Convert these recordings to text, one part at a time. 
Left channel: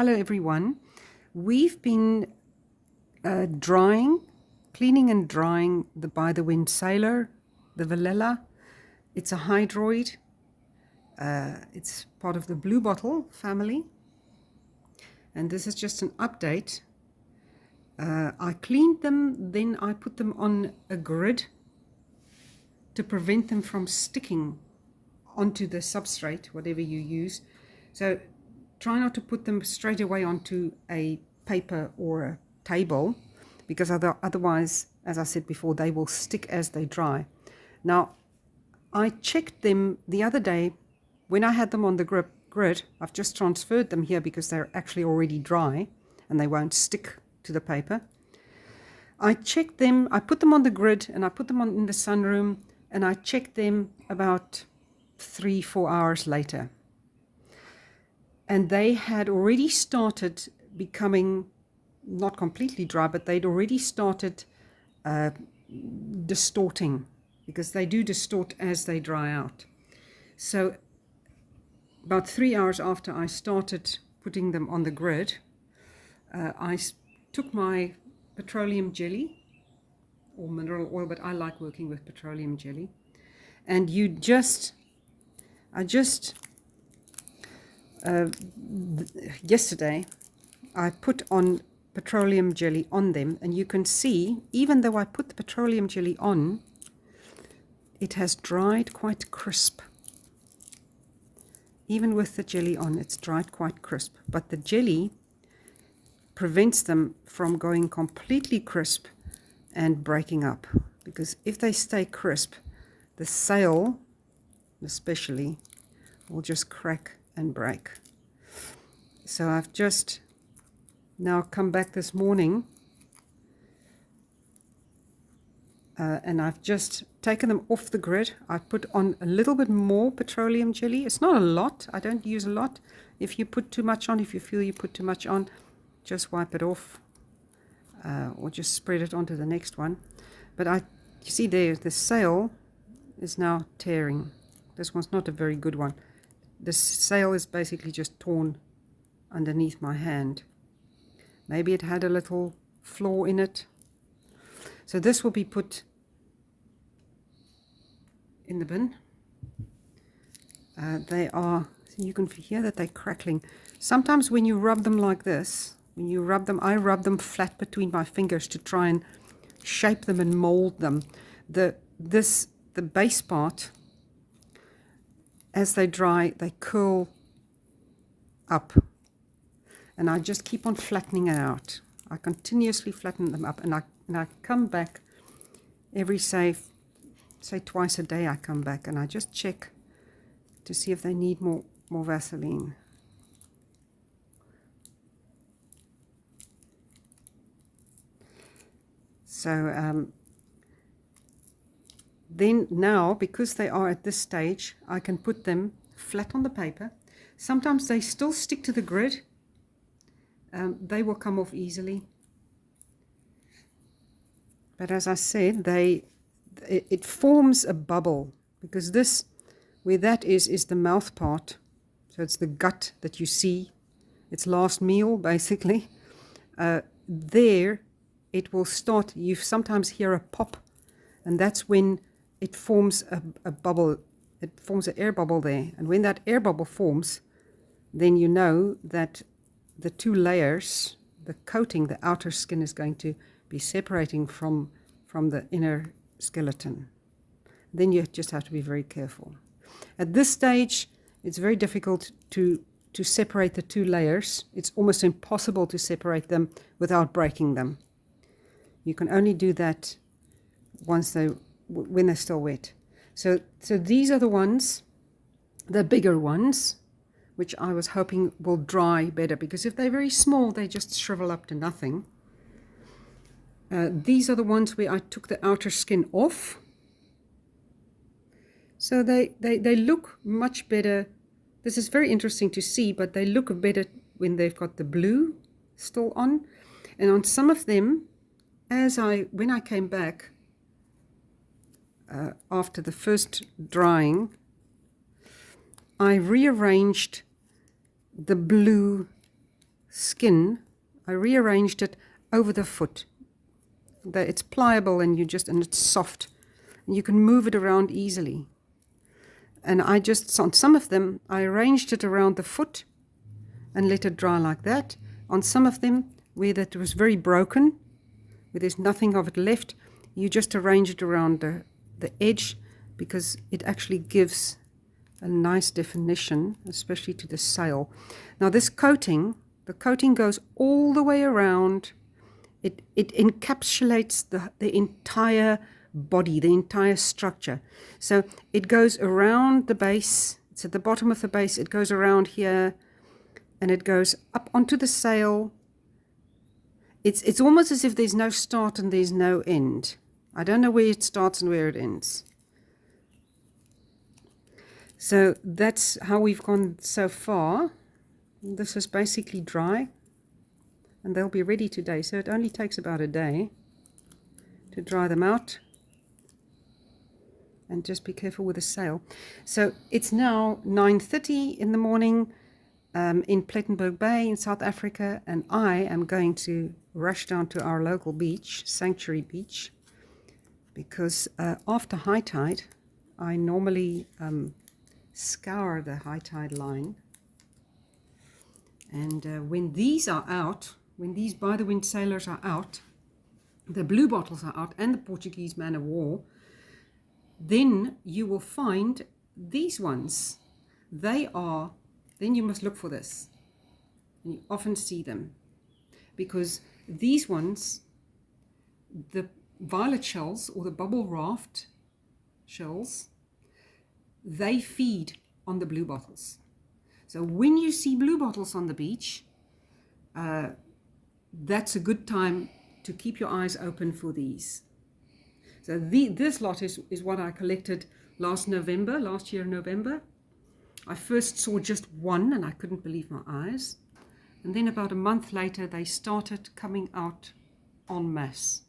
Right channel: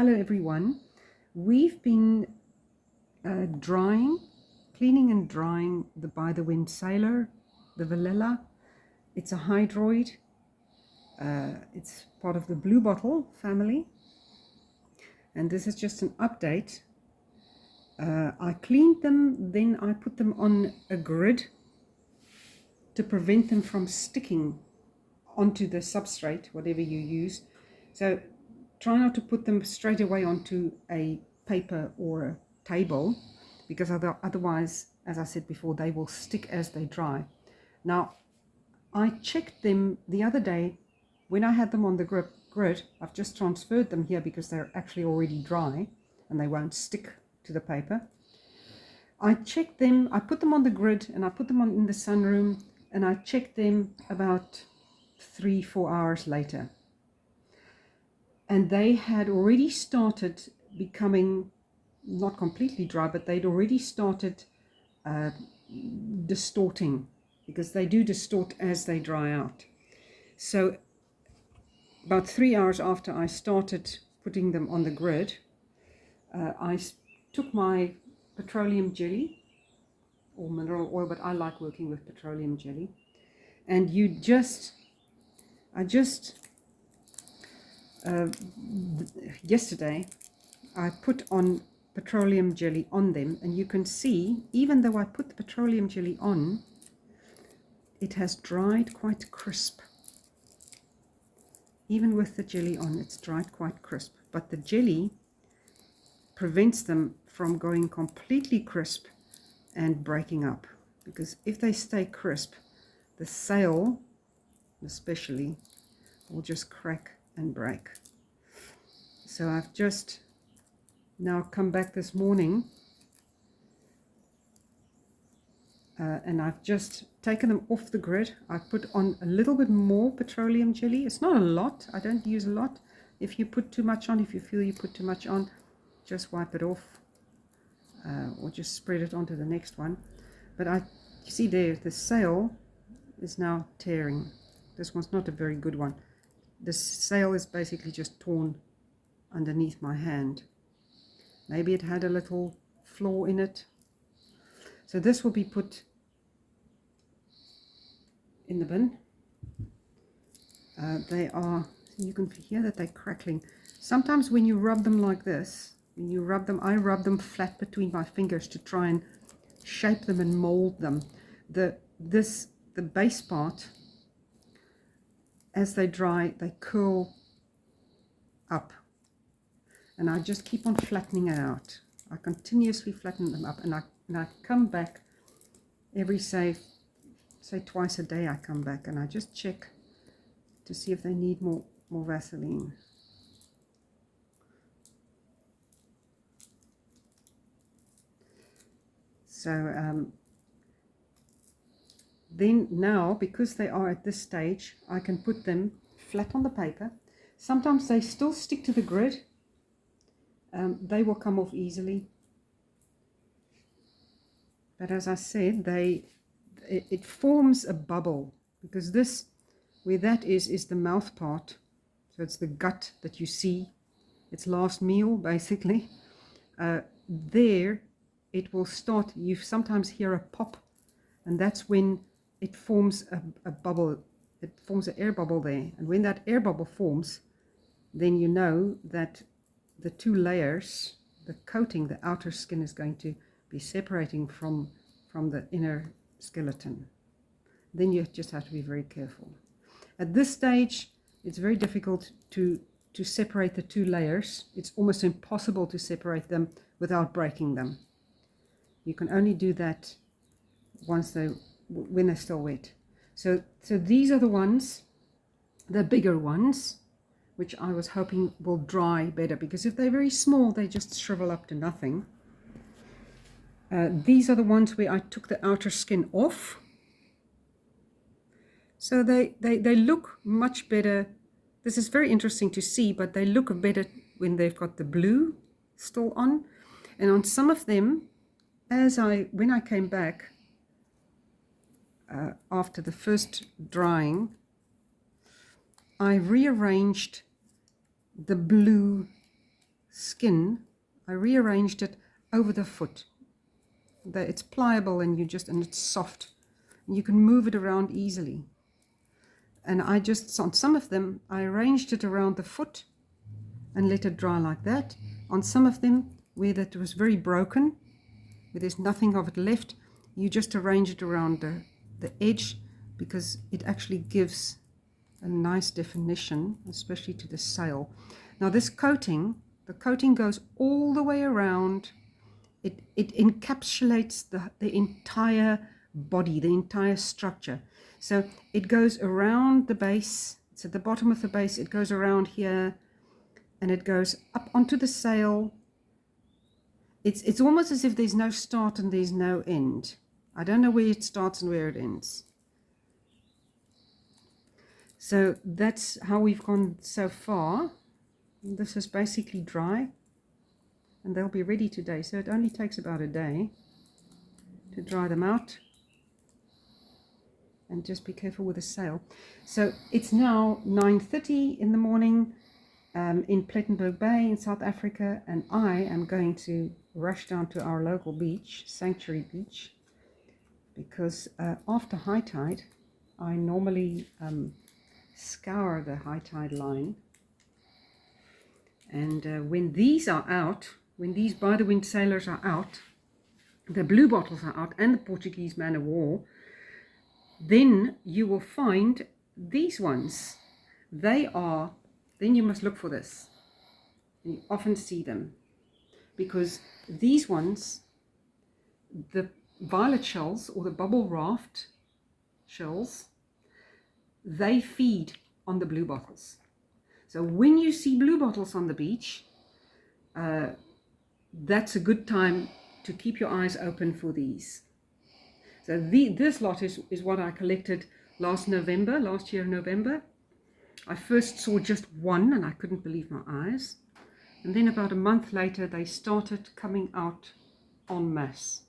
Hello everyone. We've been cleaning and drying the By the Wind Sailor, the Velella. It's a hydroid. It's part of the blue bottle family. And this is just an update. I cleaned them, then I put them on a grid to prevent them from sticking onto the substrate, whatever you use. So try not to put them straight away onto a paper or a table, because otherwise, as I said before, they will stick as they dry. Now, I checked them the other day when I had them on the grid. I've just transferred them here because they're actually already dry and they won't stick to the paper. I checked them, I put them on the grid and I put them in the sunroom, and I checked them about 3-4 hours later. And they had already started becoming, not completely dry, but they'd already started distorting, because they do distort as they dry out. So about 3 hours after I started putting them on the grid, I took my petroleum jelly, or mineral oil, but I like working with petroleum jelly. And yesterday I put on petroleum jelly on them, and you can see, even though I put the petroleum jelly on, it has dried quite crisp. Even with the jelly on, it's dried quite crisp, but the jelly prevents them from going completely crisp and breaking up, because if they stay crisp, the sail especially will just crack and break. So I've just now come back this morning and I've just taken them off the grid. I put on a little bit more petroleum jelly. It's not a lot. I don't use a lot. If you put too much on, if you feel you put too much on, just wipe it off or just spread it onto the next one. But you see there, the sail is now tearing. This one's not a very good one. The sail is basically just torn underneath my hand. Maybe it had a little flaw in it. So this will be put in the bin. You can hear that they're crackling. Sometimes when you rub them like this, I rub them flat between my fingers to try and shape them and mold them. The base part, as they dry, they curl up, and I just keep on flattening it out. I continuously flatten them up, and I come back every say twice a day. I come back and I just check to see if they need more Vaseline. So then now, because they are at this stage, I can put them flat on the paper. Sometimes they still stick to the grid. They will come off easily. But as I said, it forms a bubble, because this, where that is the mouth part. So it's the gut that you see. It's last meal, basically. There, it will start. You sometimes hear a pop, and that's when it forms a bubble. It forms an air bubble there. And when that air bubble forms, then you know that the two layers, the coating, the outer skin, is going to be separating from the inner skeleton. Then you just have to be very careful. At this stage, it's very difficult to separate the two layers. It's almost impossible to separate them without breaking them. You can only do that when they're still wet. So these are the ones, the bigger ones, which I was hoping will dry better, because if they're very small, they just shrivel up to nothing. These are the ones where I took the outer skin off. So they look much better. This is very interesting to see, but they look better when they've got the blue still on. And on some of them, when I came back after the first drying, I rearranged the blue skin, I rearranged it over the foot. It's pliable and it's soft. You can move it around easily. And on some of them, I arranged it around the foot and let it dry like that. On some of them, where that was very broken, where there's nothing of it left, you just arrange it around the edge, because it actually gives a nice definition, especially to the sail. Now this coating, the coating goes all the way around. It encapsulates the entire body, the entire structure. So it goes around the base. It's at the bottom of the base. It goes around here, and it goes up onto the sail. It's almost as if there's no start and there's no end. I don't know where it starts and where it ends. So that's how we've gone so far. This is basically dry, and they'll be ready today. So it only takes about a day to dry them out. And just be careful with the sail. So it's now 9:30 in the morning in Plettenberg Bay in South Africa, and I am going to rush down to our local beach, Sanctuary Beach, because after high tide, I normally scour the high tide line. And when these are out, when these by the wind sailors are out, the blue bottles are out, and the Portuguese man of war, then you will find these ones. Then you must look for this. And you often see them, because these ones, the violet shells or the bubble raft shells, they feed on the blue bottles. So when you see blue bottles on the beach, that's a good time to keep your eyes open for these. So this lot is what I collected last year in November. I first saw just one and I couldn't believe my eyes. And then about a month later, they started coming out en masse.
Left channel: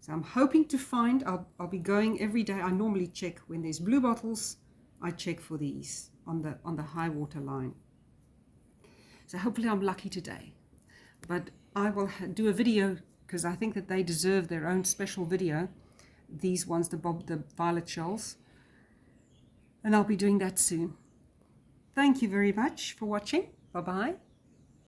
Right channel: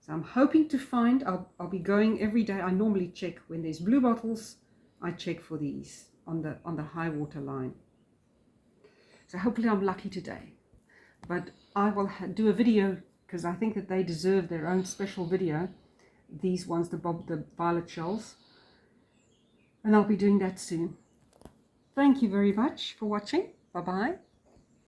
So I'm hoping to find, I'll be going every day. I normally check when there's blue bottles, I check for these on the high water line. So hopefully I'm lucky today. But I will do a video, because I think that they deserve their own special video. These ones, the violet shells. And I'll be doing that soon. Thank you very much for watching. Bye-bye.